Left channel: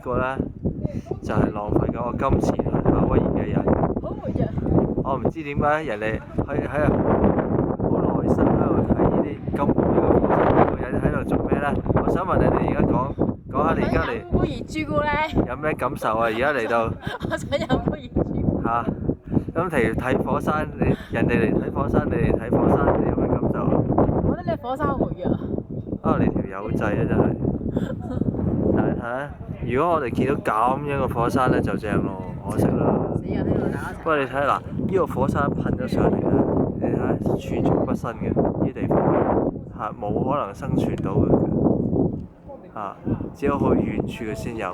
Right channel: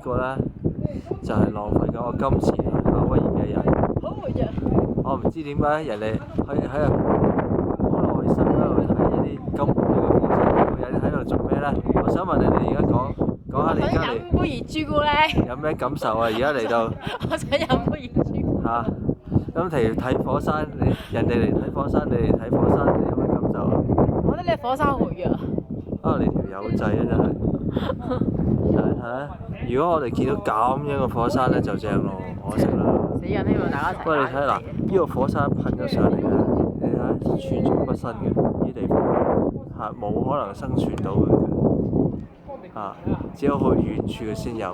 個呢，就係浪費緊我金錢去夏威夷嘅人。好活躍。我唔知點解人哋可以喺度好耐心喺度睇呢啲咁活躍嘅火山，呢個人喺度做咩呢？我想問你哋而家講下你而家嚟飲杯熱朱古力。有咩感受啊？而家嚟到我想飲杯熱朱古力。嚇，咁睇火山，人哋嚟睇火山，你嚟睇火山，你有咩感受啊？我覺得你火山好活躍啊！你條友仔啊真係！但係睇下，如果我哋見到咁樣嘅火山呢，就正咯，可惜啦。死人希望大家一齊。不過你睇下嗱，呢個火山噴咗上嚟啊！你睇下寸草不生嘅呢啲地方冇可能生存到嘅只有去遠處嘅先有。